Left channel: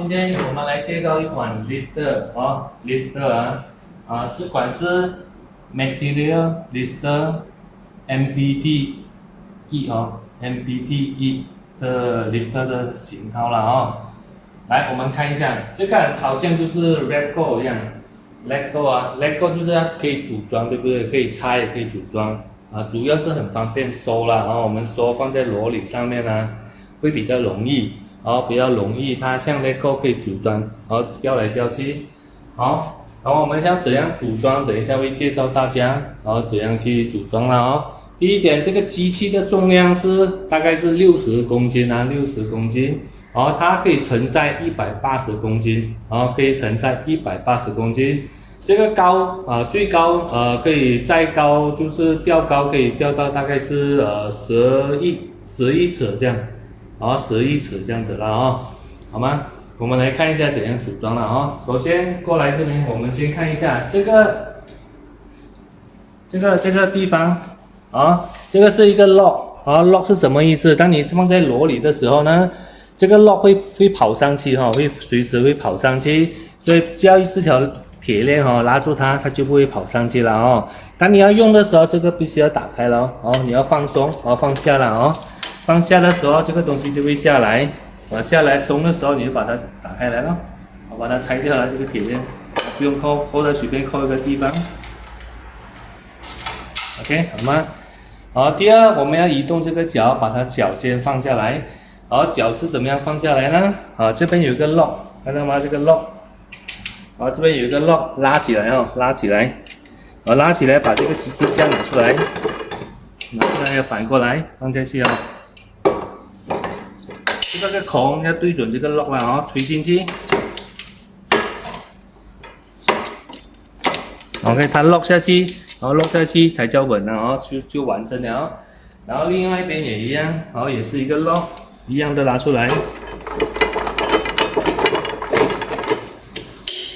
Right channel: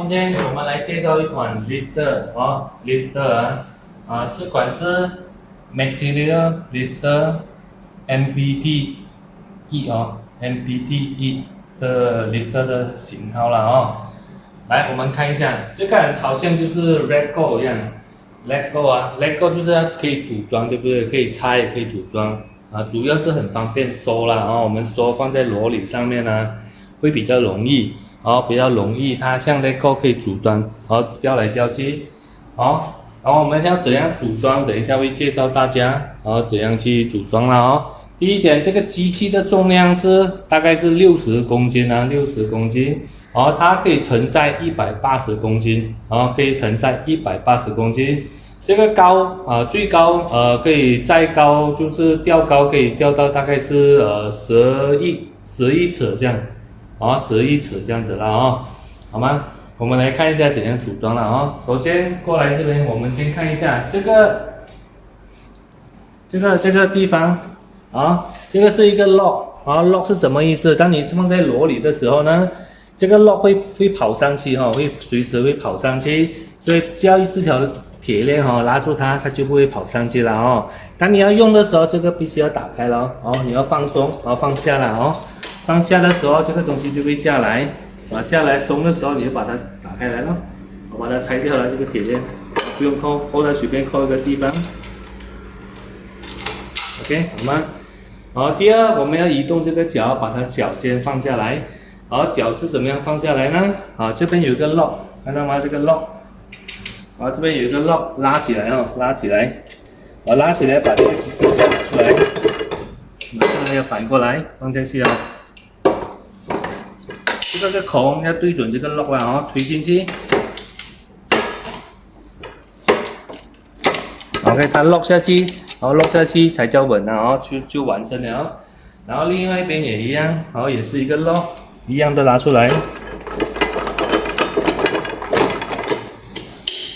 今天我们来介绍一款 lifter 哦，lifter 这款是 Material Lifter MBT-E 哦，MBT-E 的 lifter 的型号了哦。来，我们看一下，这个好像就是 Lego 一样，Lego 啊，Lego 就是可以组装，对不对？可以拆也可以组装啊，主要是很方便收啦，然后我们收放在箩里上面呢，会比较容易。比较容易，它像 Lego 可以组装，吊来吊去，然后我们要怎样组装？等一下会介绍大家，怎样去组装了哦。第一点，这个机器的重量大概是60公斤啊，60公斤，它可以承载180公斤，可以承载180公斤。这个高最高可以再高，就是吊高可以吊到大概是11尺这样。11尺这样子了好吗？我们来看一下怎样组装了首先过来这边，我们先看一下这个地方这个是一个 lock，lock 是什么意思？当你放在箩里的时候呢，这个 lock 会跑上去会随时会跑上去，所以只要这条铁链拉住它，它就不会跑上去了当你要用的时候，这个必须要打开了你要放松放下了放下的时候，这个东西就会下来，下来松的时候，你就把它打开来了，把它拆掉了这个铁链，不用扣，或者随便扣一个地方 ，OK 好吗？第二我们要移动这个脚，把它脚先放下来，脚是怎么样放下来呢？这边有一个 lock， 看到吗？这个 lock， 这边有一个 lock， 拉起来拉起来，拉起来把这个机车架拿出来，拿出来要反过来放下去这个孔要对准这个 lock 了推进去 ，OK， 它 lock 下去，lock 下去才叫稳了就完成了然后另外一边也一样，也是一个 lock， 一样的拿出来，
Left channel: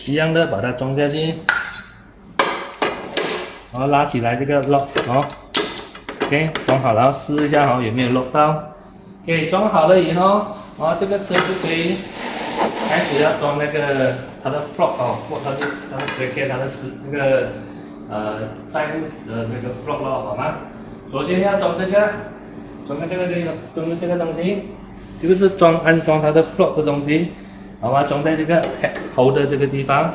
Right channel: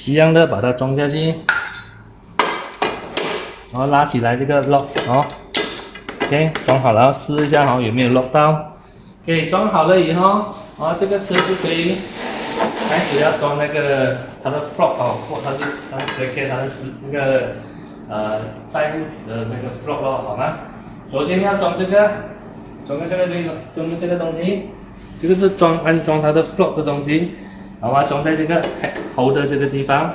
一样的把它装下去，拉起来这个 lock OK， 装好了，试一下有没有 lock 到。OK， 装好了以后，这个车就可以开始要装那个它的 flop 或它的 brake 它的那个载物的那个 flop 好吗？首先要装这个东西，这个是安装它的 flop 的东西，好吗？装在这个 hold 的这个地方，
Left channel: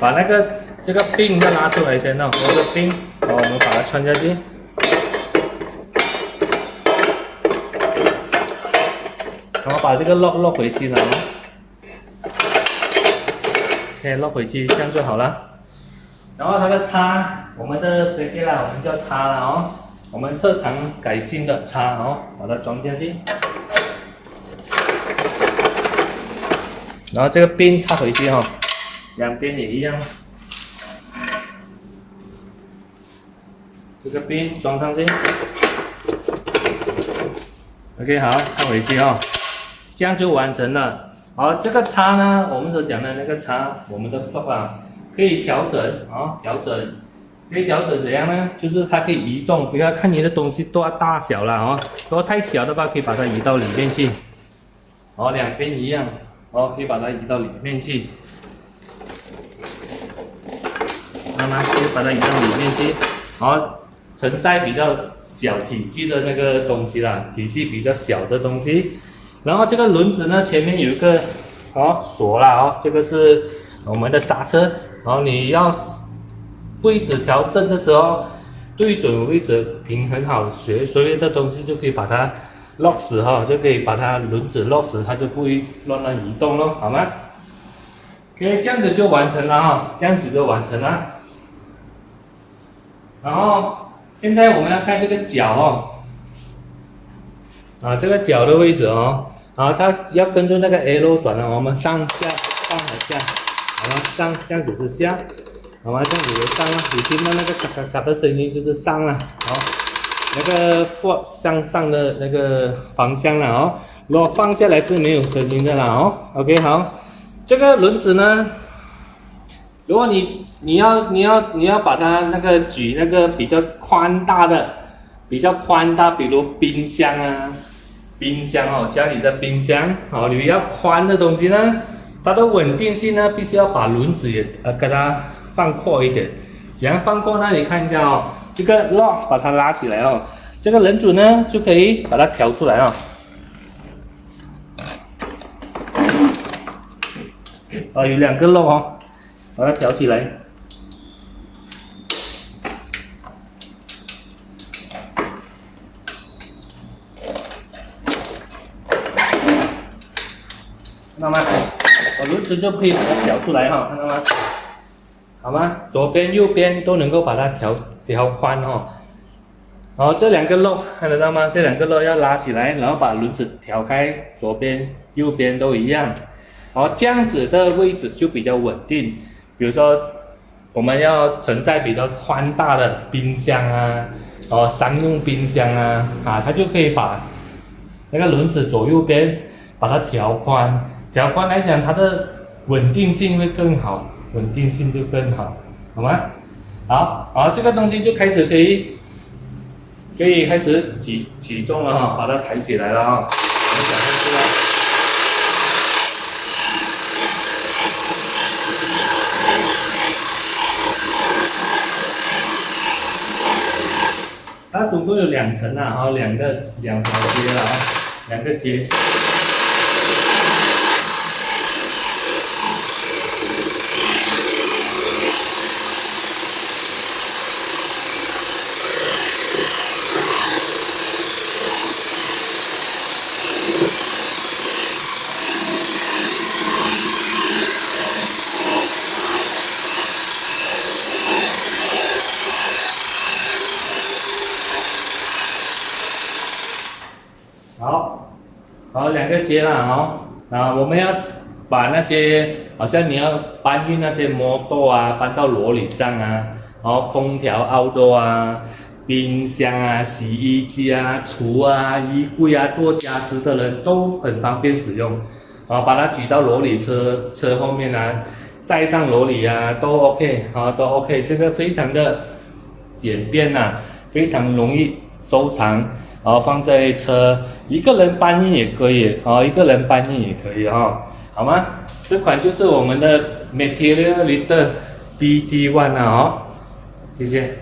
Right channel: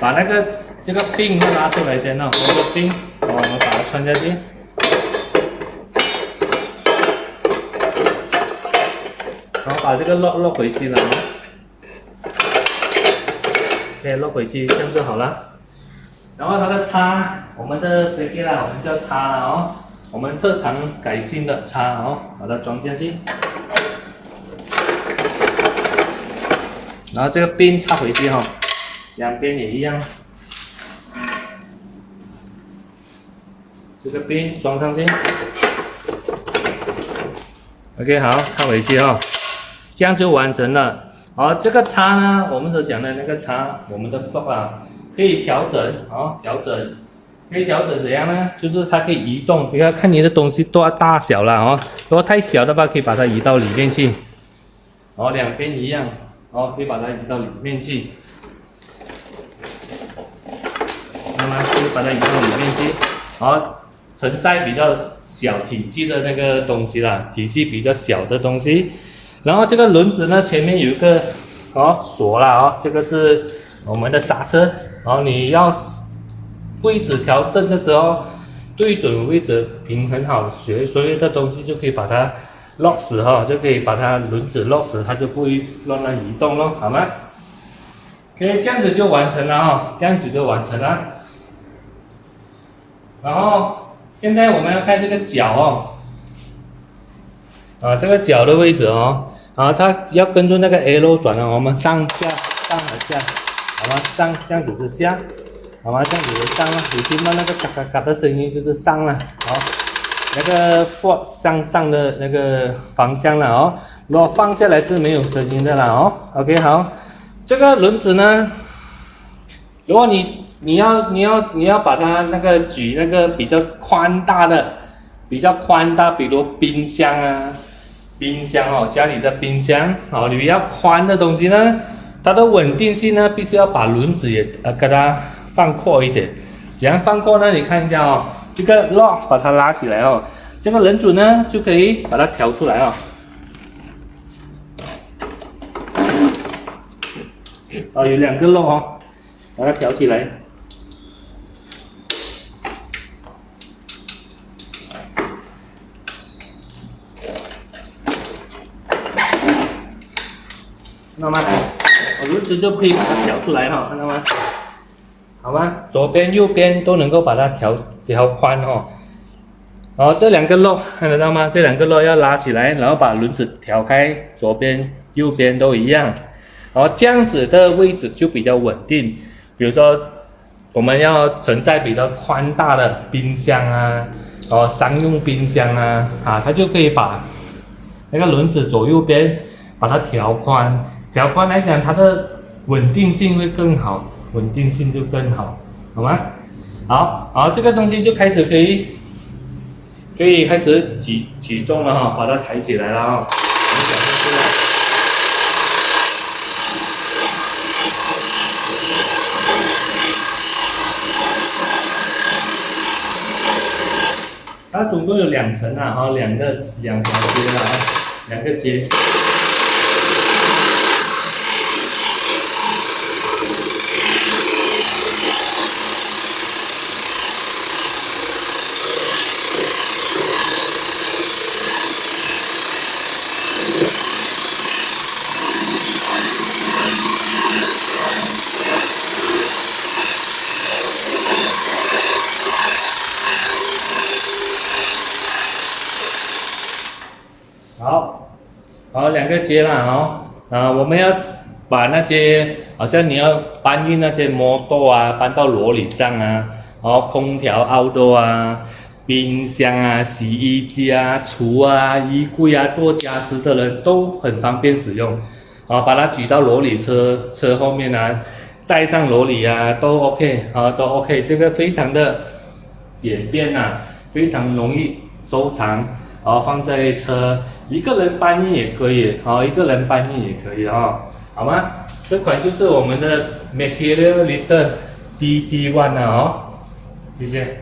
把这个柄要拿出来先这个柄，我们把它穿下去。然后把这个 lock 回去了，OK， lock 回去，这样就好了。然后它的叉，我们的飞机啦，我们叫叉了我们特长改进的叉把它装下去。然后这个边插回去两边也一样。这个边装上去 ，OK， 好，插回去这样就完成了。这个叉呢，我们所讲的那个叉，我们的 flop 可以调整可以调整怎样呢？就是它可以移动，不要看你的东西多大小了如果太小的话，可以把它移到里面去。两边一样可以把它移到里面去。慢慢可以把它移到里面去。承载比较小体积的那个东西啦，体积比较小的东西。然后这个轮子呢，前面有一个锁啦这个是我们的刹车，你要位置调整的时候，对准位置平衡好，所有的东西就可以把它 lock 死就可以把它轮子 lock 死，它就不会乱移动咯，好吗 ？OK， 这样子就完成了这样子就完成了。然后现在我们要看这个脚这个脚的位置它要跟着那个 arrow 转我们上下上和下，好吗？上这样子是下，好吗？这样子是上你听到那个嘎嘎嘎的声音就是上了那个 forward 向上的那个方向了如果放下来是没有声音的啦OK 好，这个轮子呢，如果你要把它那个举那个比较宽大，比如冰箱家里的冰箱你比较宽的东西呢，它的稳定性呢，必须要把轮子也给它放阔一点。怎样放阔呢？你看一下哦，这个 lock 把它拉起来哦，这个轮组呢就可以把它调出来哦。有2个 lock 哦，把它调起来。看到吗？轮子就可以把它调出来哈，看到吗？好吗？左边、右边都能够把它调宽哦。这2个漏看得到吗？这2个漏要拉起来，然后把轮子调开，左边、右边都一样。这样子的位置就比较稳定。比如说，我们要承载比较宽大的冰箱啊，商用冰箱啊，它就可以把那个轮子左右边把它调宽。调宽来讲，它的稳定性会更好，稳定性就更好，好吗？好，这个东西就开始可以开始举重了哈，把它抬起来了啊，我们讲上去了。它总共有2层啊，两条阶了啊，2个阶。好，2个阶了我们要把那些好像你要搬运那些摩托啊，搬到罗里上啊，空调、outdoor 啊，冰箱啊、洗衣机啊、厨啊、衣柜啊，做家私的人都很方便使用，把它举到罗里车后面啊，载上罗里啊，都 OK 都 OK， 这个非常的简便非常容易收藏。放在车，一个人搬运也可以，一个人搬运也可以好吗？这款就是我们的 Material Lifter DD1 谢谢。